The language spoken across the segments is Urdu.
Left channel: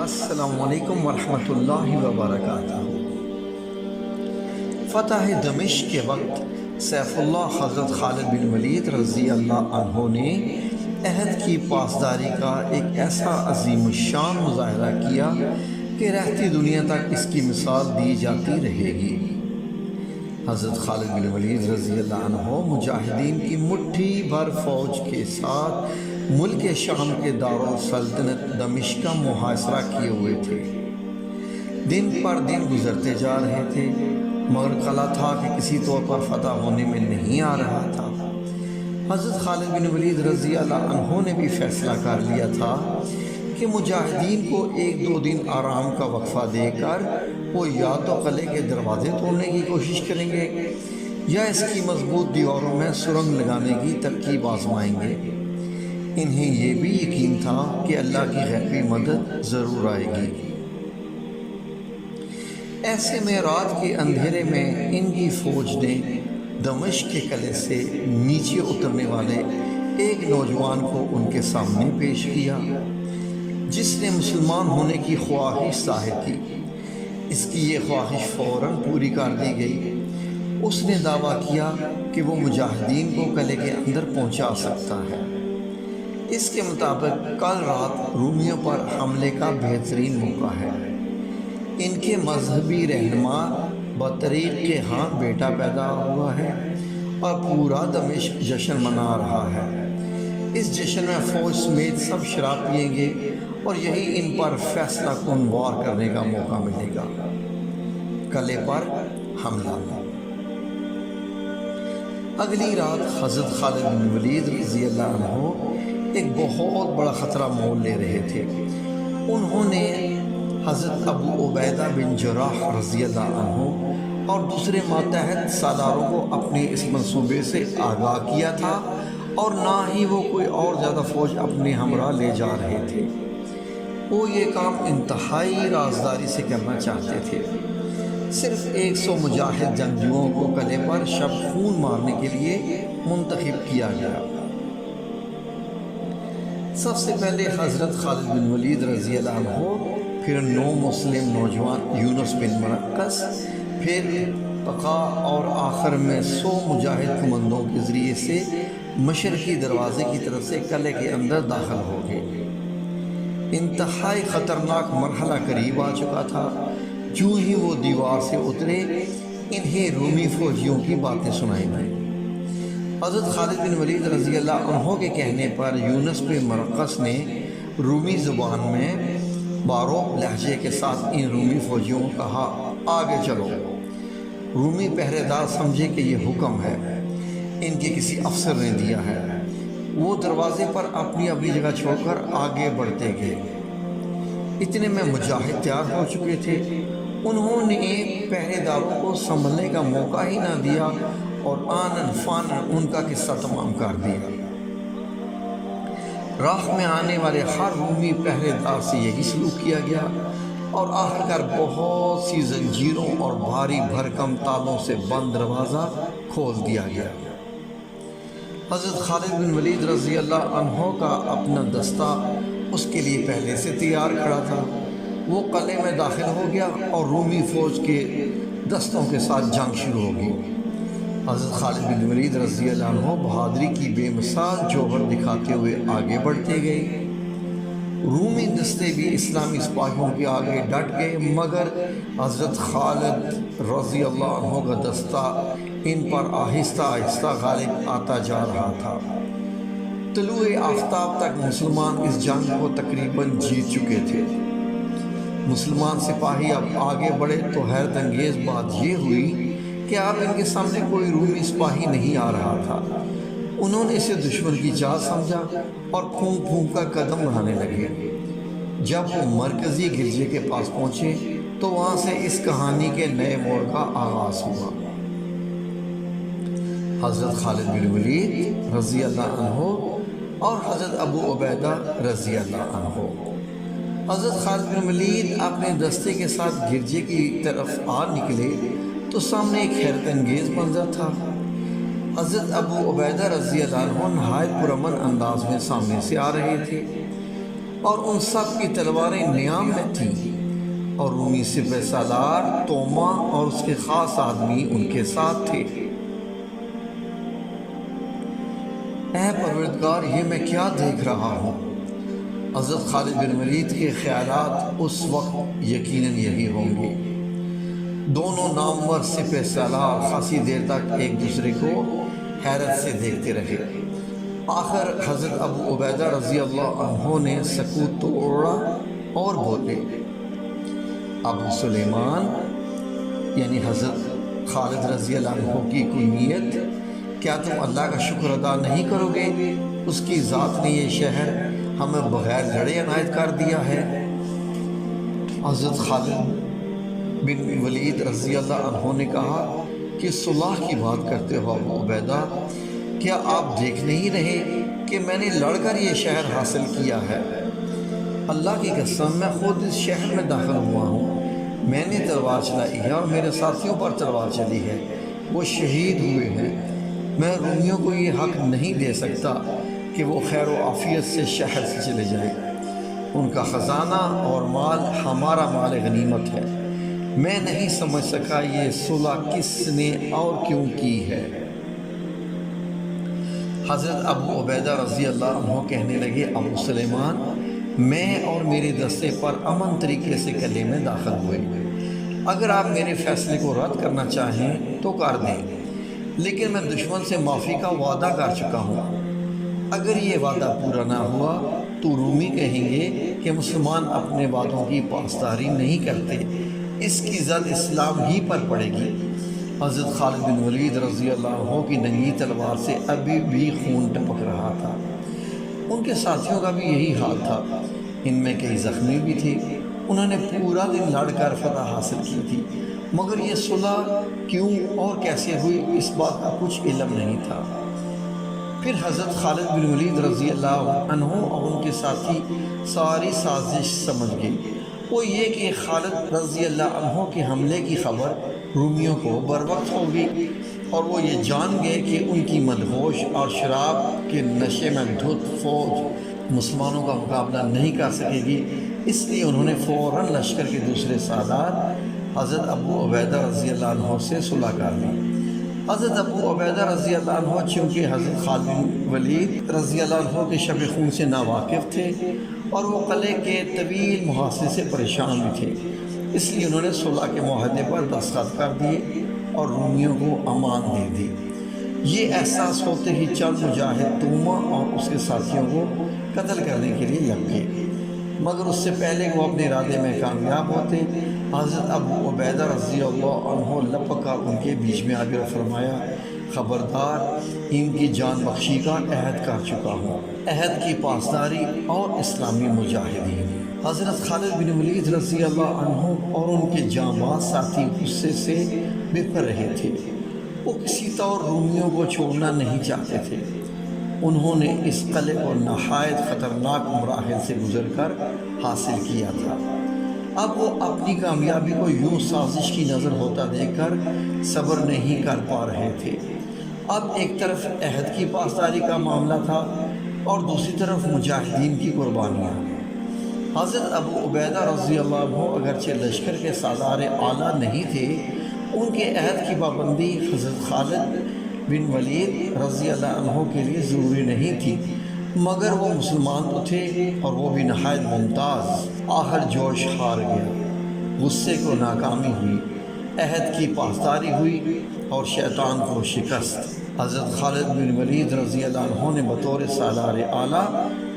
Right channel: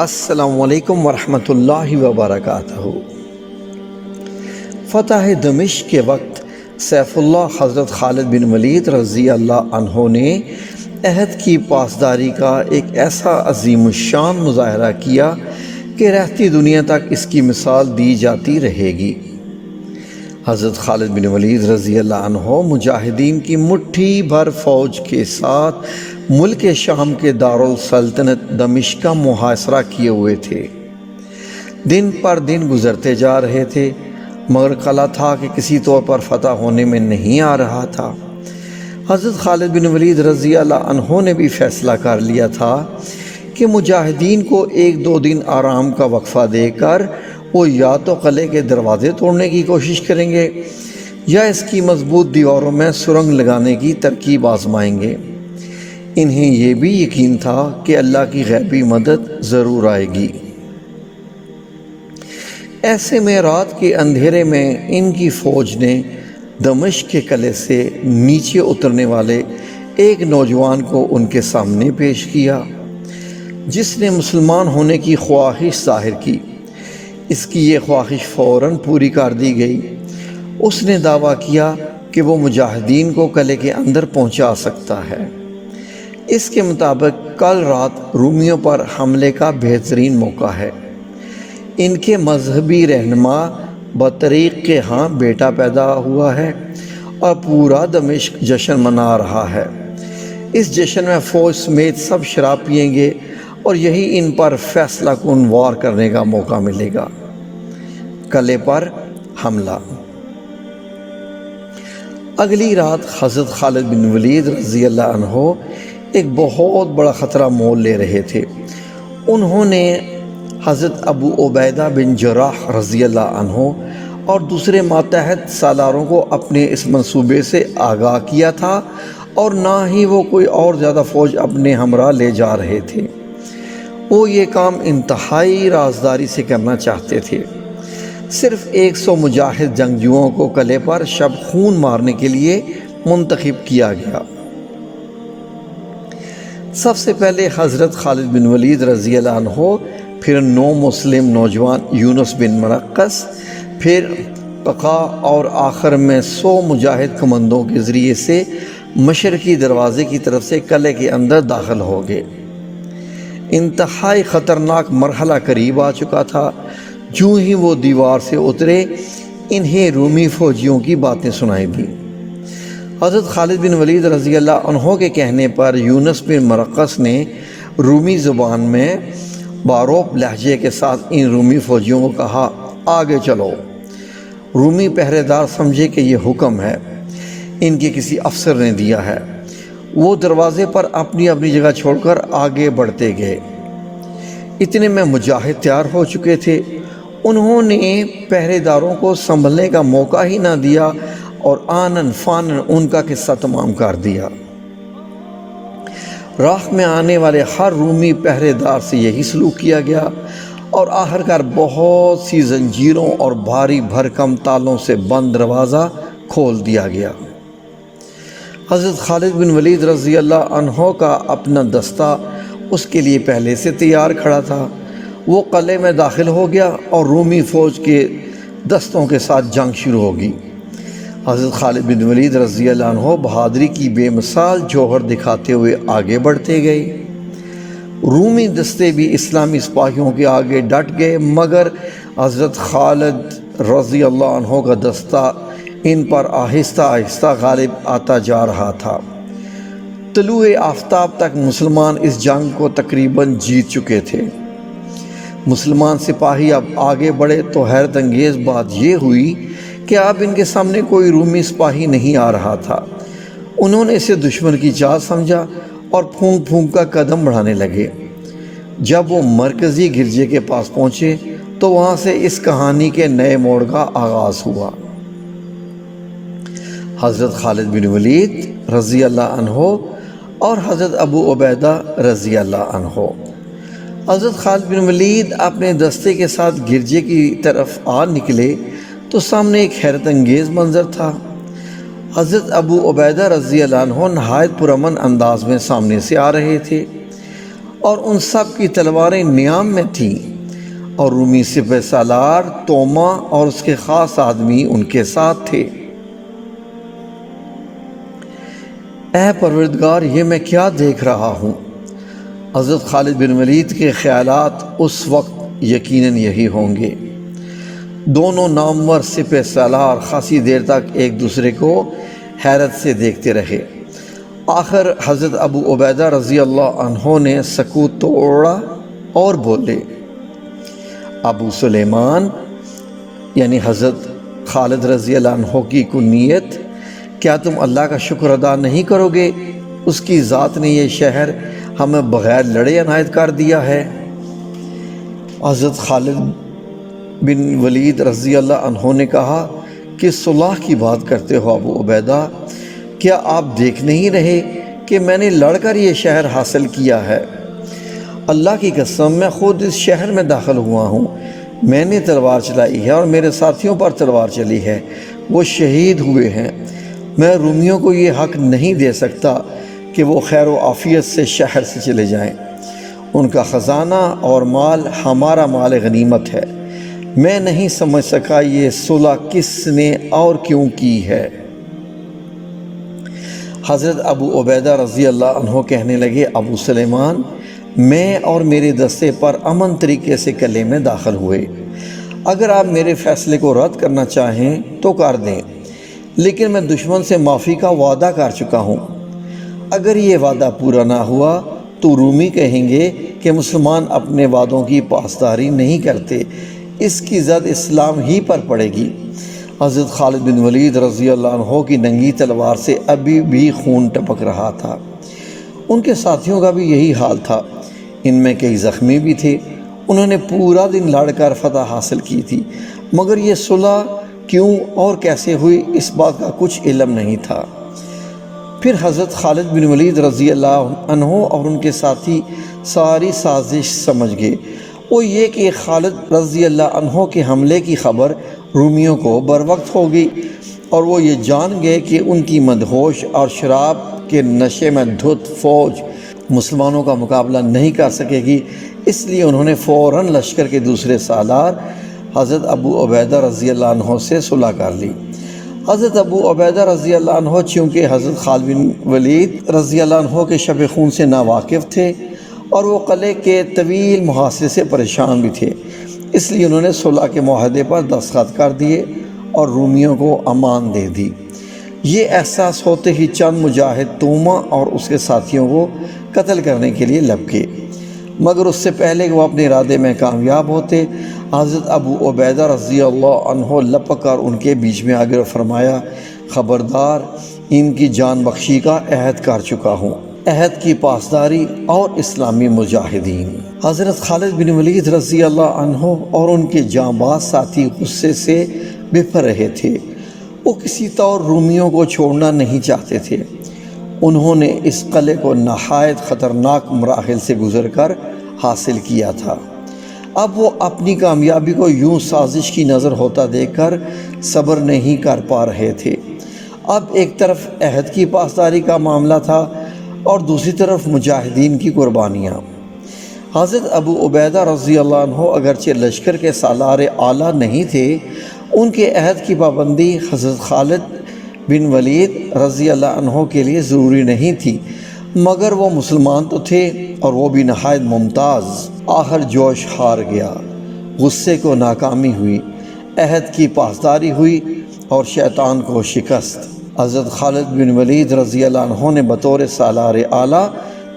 السلام علیکم ورحمۃ اللہ وبرکاتہ۔ فتح دمشق کے وقت سیف اللہ حضرت خالد بن ولید رضی اللہ عنہ نے عہد کی پاسداری کا ایک ایسا عظیم الشان مظاہرہ کیا کہ رہتی دنیا تک اس کی مثال دی جاتی رہے گی۔ حضرت خالد بن ولید رضی اللہ عنہ مجاہدین کی مٹھی بھر فوج کے ساتھ ملک شام کے دارالسلطنت دمشق کا محاصرہ کیے ہوئے تھے۔ دن پر دن گزرتے جا رہے تھے، مگر قلعہ تھا کہ کسی طور پر فتح ہونے میں نہیں آ رہا تھا۔ حضرت خالد بن ولید رضی اللہ عنہ نے بھی فیصلہ کر لیا تھا کہ مجاہدین کو 1-2 دن آرام کا وقفہ دے کر وہ یا تو قلعے کے دروازے توڑنے کی کوشش کریں گے یا اس کی مضبوط دیواروں میں سرنگ لگانے کی ترکیب آزمائیں گے۔ انہیں یہ بھی یقین تھا کہ اللہ کی غیبی مدد ضرور آئے گی۔ ایسے میں رات کے اندھیرے میں ان کی فوج نے دمشق کے قلعے سے نیچے اترنے والے ایک نوجوان کو ان کے سامنے پیش کیا، جس نے مسلمان ہونے کی خواہش ظاہر کی۔ اس کی یہ خواہش فوراً پوری کر دی گئی۔ اس نے دعویٰ کیا کہ وہ مجاہدین کو قلعے کے اندر پہنچا سکتا ہے۔ اس کے مطابق کل رات رومیوں پر حملے کا بہترین موقع ہے۔ ان کے مذہبی رہنما بطریق کے ہاں بیٹا پیدا ہوا ہے اور پورا دمشق جشن منا رہا ہے۔ اس جشن میں فوج سمیت سب شراب پیئیں گے اور یہی ان پر فیصلہ کن وار کرنے کا موقع ملے گا۔ قلعے پر حملہ۔ اگلی رات حضرت خالد بن ولید رضی اللہ عنہ ایک بہت بڑا خطرہ مول لے رہے تھے۔ انہوں نے حضرت ابو عبیدہ بن جراح رضی اللہ عنہ اور دوسرے ماتحت سالاروں کو اپنے اس منصوبے سے آگاہ کیا تھا، اور نہ ہی وہ کوئی اور زیادہ فوج اپنے ہمراہ لے جا رہے تھے۔ وہ یہ کام انتہائی رازداری سے کرنا چاہتے تھے۔ صرف 100 مجاہد جنگجوؤں کو قلعے پر شب خون مارنے کے لیے منتخب کیا گیا۔ سب سے پہلے حضرت خالد بن ولید رضی اللہ عنہ، پھر 9 مسلم نوجوان یونس بن مرقس، پھر ققا، اور آخر میں 100 مجاہد کمندوں کے ذریعے سے مشرقی دروازے کی طرف سے قلعے کے اندر داخل ہو گئے۔ انتہائی خطرناک مرحلہ قریب آ چکا تھا۔ جو ہی وہ دیوار سے اترے، انہیں رومی فوجیوں کی باتیں سنائی دی۔ حضرت خالد بن ولید رضی اللہ عنہ کے کہنے پر یونس بن مرقس نے رومی زبان میں باروب لہجے کے ساتھ ان رومی فوجیوں کو کہا، آگے چلو۔ رومی پہرے دار سمجھے کہ یہ حکم ہے، ان کے کسی افسر نے دیا ہے۔ وہ دروازے پر اپنی اپنی جگہ چھوڑ کر آگے بڑھتے گئے۔ اتنے میں مجاہد تیار ہو چکے تھے۔ انہوں نے پہرے داروں کو سنبھلنے کا موقع ہی نہ دیا اور آنن فانن ان کا قصہ تمام کر دیا۔ راہ میں آنے والے ہر رومی پہرے دار سے یہی سلوک کیا گیا، اور آخر کار بہت سی زنجیروں اور بھاری بھرکم تالوں سے بند دروازہ کھول دیا گیا۔ حضرت خالد بن ولید رضی اللہ عنہ کا اپنا دستہ اس کے لیے پہلے سے تیار کھڑا تھا۔ وہ قلعے میں داخل ہو گیا اور رومی فوج کے دستوں کے ساتھ جنگ شروع ہوگی۔ حضرت خالد بن ولید رضی اللہ عنہ بہادری کی بے مثال جوہر دکھاتے ہوئے آگے بڑھتے گئے۔ رومی دستے بھی اسلامی سپاہیوں کے آگے ڈٹ گئے، مگر حضرت خالد رضی اللہ عنہ کا دستہ ان پر آہستہ آہستہ غالب آتا جا رہا تھا۔ طلوع آفتاب تک مسلمان اس جنگ کو تقریباً جیت چکے تھے۔ مسلمان سپاہی اب آگے بڑھے تو حیرت انگیز بات یہ ہوئی کہ اب ان کے سامنے کوئی رومی سپاہی نہیں آ رہا تھا۔ انہوں نے اسے دشمن کی چال سمجھا اور پھونک پھونک کا قدم بڑھانے لگے۔ جب وہ مرکزی گرجے کے پاس پہنچے تو وہاں سے اس کہانی کے نئے موڑ کا آغاز ہوا۔ حضرت خالد بن ولید رضی اللہ عنہ اور حضرت ابو عبیدہ رضی اللہ عنہ۔ حضرت خالد بن ولید اپنے دستے کے ساتھ گرجے کی طرف آ نکلے تو سامنے ایک حیرت انگیز منظر تھا۔ حضرت ابو عبیدہ رضی اللہ عنہ نہایت پرامن انداز میں سامنے سے آ رہے تھے۔ اور ان سب کی تلواریں نیام میں تھیں، اور رومی سپہ سالار توما اور اس کے خاص آدمی ان کے ساتھ تھے۔ اے پروردگار، یہ میں کیا دیکھ رہا ہوں؟ حضرت خالد بن ولید کے خیالات اس وقت یقیناً یہی ہوں گے۔ دونوں نامور سپہ سالار خاصی دیر تک ایک دوسرے کو حیرت سے دیکھتے رہے۔ آخر حضرت ابو عبیدہ رضی اللہ عنہ نے سکوت توڑا اور بولے، ابو سلیمان یعنی حضرت خالد رضی اللہ عنہ کی کنیت، کیا تم اللہ کا شکر ادا نہیں کرو گے؟ اس کی ذات نے یہ شہر ہمیں بغیر لڑے عنایت کر دیا ہے۔ حضرت خالد بن ولید رضی اللہ عنہ نے کہا کہ صلح کی بات کرتے ہو ابو عبیدہ، کیا آپ دیکھ نہیں رہے کہ میں نے لڑ کر یہ شہر حاصل کیا ہے؟ اللہ کی قسم، میں خود اس شہر میں داخل ہوا ہوں، میں نے تلوار چلائی ہے اور میرے ساتھیوں پر تلوار چلی ہے، وہ شہید ہوئے ہیں۔ میں رومیوں کو یہ حق نہیں دے سکتا کہ وہ خیر و عافیت سے شہر سے چلے جائیں۔ ان کا خزانہ اور مال ہمارا مال غنیمت ہے۔ میں نہیں سمجھ سکا یہ صلح کس نے اور کیوں کی ہے۔ حضرت ابو عبیدہ رضی اللہ عنہ کہنے لگے، ابو سلیمان، میں اور میرے دستے پر امن طریقے سے قلعے میں داخل ہوئے۔ اگر آپ میرے فیصلے کو رد کرنا چاہیں تو کر دیں، لیکن میں دشمن سے معافی کا وعدہ کر چکا ہوں۔ اگر یہ وعدہ پورا نہ ہوا تو رومی کہیں گے کہ مسلمان اپنے وعدوں کی پاسداری نہیں کرتے، اس کی زد اسلام ہی پر پڑے گی۔ حضرت خالد بن ولید رضی اللہ عنہ کی ننگی تلوار سے ابھی بھی خون ٹپک رہا تھا۔ ان کے ساتھیوں کا بھی یہی حال تھا، ان میں کئی زخمی بھی تھے۔ انہوں نے پورا دن لڑ کر فتح حاصل کی تھی، مگر یہ صلح کیوں اور کیسے ہوئی اس بات کا کچھ علم نہیں تھا۔ پھر حضرت خالد بن ولید رضی اللہ عنہ اور ان کے ساتھی ساری سازش سمجھ گئے۔ وہ یہ کہ خالد رضی اللہ عنہ کے حملے کی خبر رومیوں کو بروقت ہوگی، اور وہ یہ جان گئے کہ ان کی مدہوش اور شراب کے نشے میں دھت فوج مسلمانوں کا مقابلہ نہیں کر سکے گی۔ اس لیے انہوں نے فوراً لشکر کے دوسرے سالار حضرت ابو عبیدہ رضی اللہ عنہ سے صلح کر لی۔ حضرت ابو عبیدہ رضی اللہ عنہ چونکہ حضرت خالد بن ولید رضی اللہ عنہ کے شب خون سے ناواقف تھے اور وہ قلعے کے طویل محاصرے سے پریشان بھی تھے، اس لیے انہوں نے صلح کے معاہدے پر دستخط کر دیے اور رومیوں کو امان دے دی۔ یہ احساس ہوتے ہی چند مجاہد توما اور اس کے ساتھیوں کو قتل کرنے کے لیے لپکے، مگر اس سے پہلے کہ وہ اپنے ارادے میں کامیاب ہوتے، حضرت ابو عبیدہ رضی اللہ عنہ لپک کر ان کے بیچ میں آگے فرمایا، خبردار، ان کی جان بخشی کا عہد کر چکا ہوں، عہد کی پاسداری اور اسلامی مجاہدین۔ حضرت خالد بن ولید رضی اللہ عنہ اور ان کے جانباز ساتھی غصے سے بپھر رہے تھے۔ وہ کسی طور رومیوں کو چھوڑنا نہیں چاہتے تھے۔ انہوں نے اس قلعے کو نہایت خطرناک مراحل سے گزر کر حاصل کیا تھا۔ اب وہ اپنی کامیابی کو یوں سازش کی نظر ہوتا دیکھ کر صبر نہیں کر پا رہے تھے۔ اب ایک طرف عہد کی پاسداری کا معاملہ تھا اور دوسری طرف مجاہدین کی قربانیاں۔ حضرت ابو عبیدہ رضی اللہ عنہ اگرچہ لشکر کے سالار اعلیٰ نہیں تھے، ان کے عہد کی پابندی حضرت خالد بن ولید رضی اللہ عنہ کے لیے ضروری نہیں تھی، مگر وہ مسلمان تو تھے اور وہ بھی نہایت ممتاز۔ آخر جوش ہار گیا، غصے کو ناکامی ہوئی، عہد کی پاسداری ہوئی اور شیطان کو شکست۔ حضرت خالد بن ولید رضی اللہ عنہ نے بطور سالار اعلیٰ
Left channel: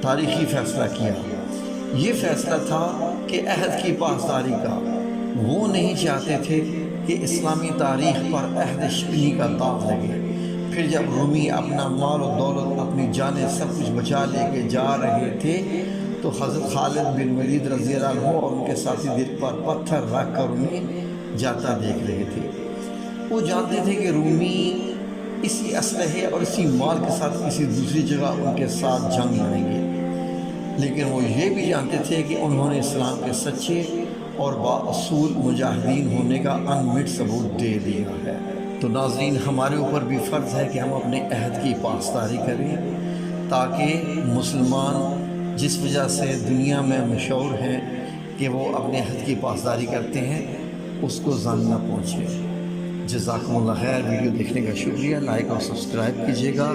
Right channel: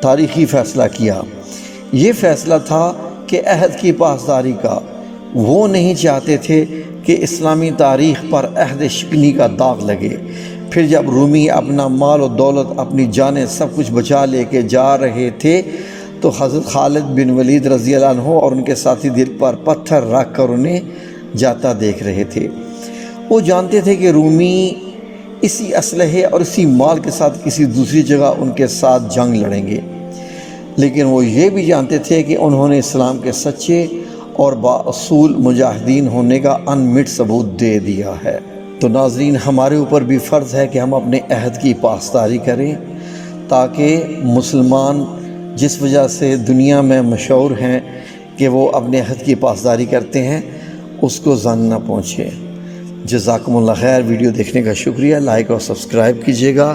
تاریخی فیصلہ کیا۔ یہ فیصلہ تھا کہ عہد کی پاسداری کا۔ وہ نہیں چاہتے تھے کہ اسلامی تاریخ پر عہد شکنی کا داغ لگے۔ پھر جب رومی اپنا مال و دولت، اپنی جانیں، سب کچھ بچا لے کے جا رہے تھے تو حضرت خالد بن ولید رضی اللہ عنہ اور ان کے ساتھی دل پر پتھر رکھ کر انہیں جاتا دیکھ رہے تھے۔ وہ جانتے تھے کہ رومی اسی اسلحے اور اسی مال کے ساتھ کسی دوسری جگہ ان کے ساتھ جنگ لڑیں گے، لیکن وہ یہ بھی جانتے تھے کہ انہوں نے اسلام کے سچے اور بااصول مجاہدین ہونے کا انمٹ ثبوت دے دیا ہے۔ تو ناظرین، ہمارے اوپر بھی فرض ہے کہ ہم اپنے عہد کی پاسداری کریں تاکہ مسلمان جس وجہ سے دنیا میں مشہور ہیں کہ وہ اپنے عہد کی پاسداری کرتے ہیں، اس کو زن نہ پہنچے۔ جزاکم اللہ خیر۔ ویڈیو دیکھنے کا شکریہ، لائک اور سبسکرائب کیجیے گا۔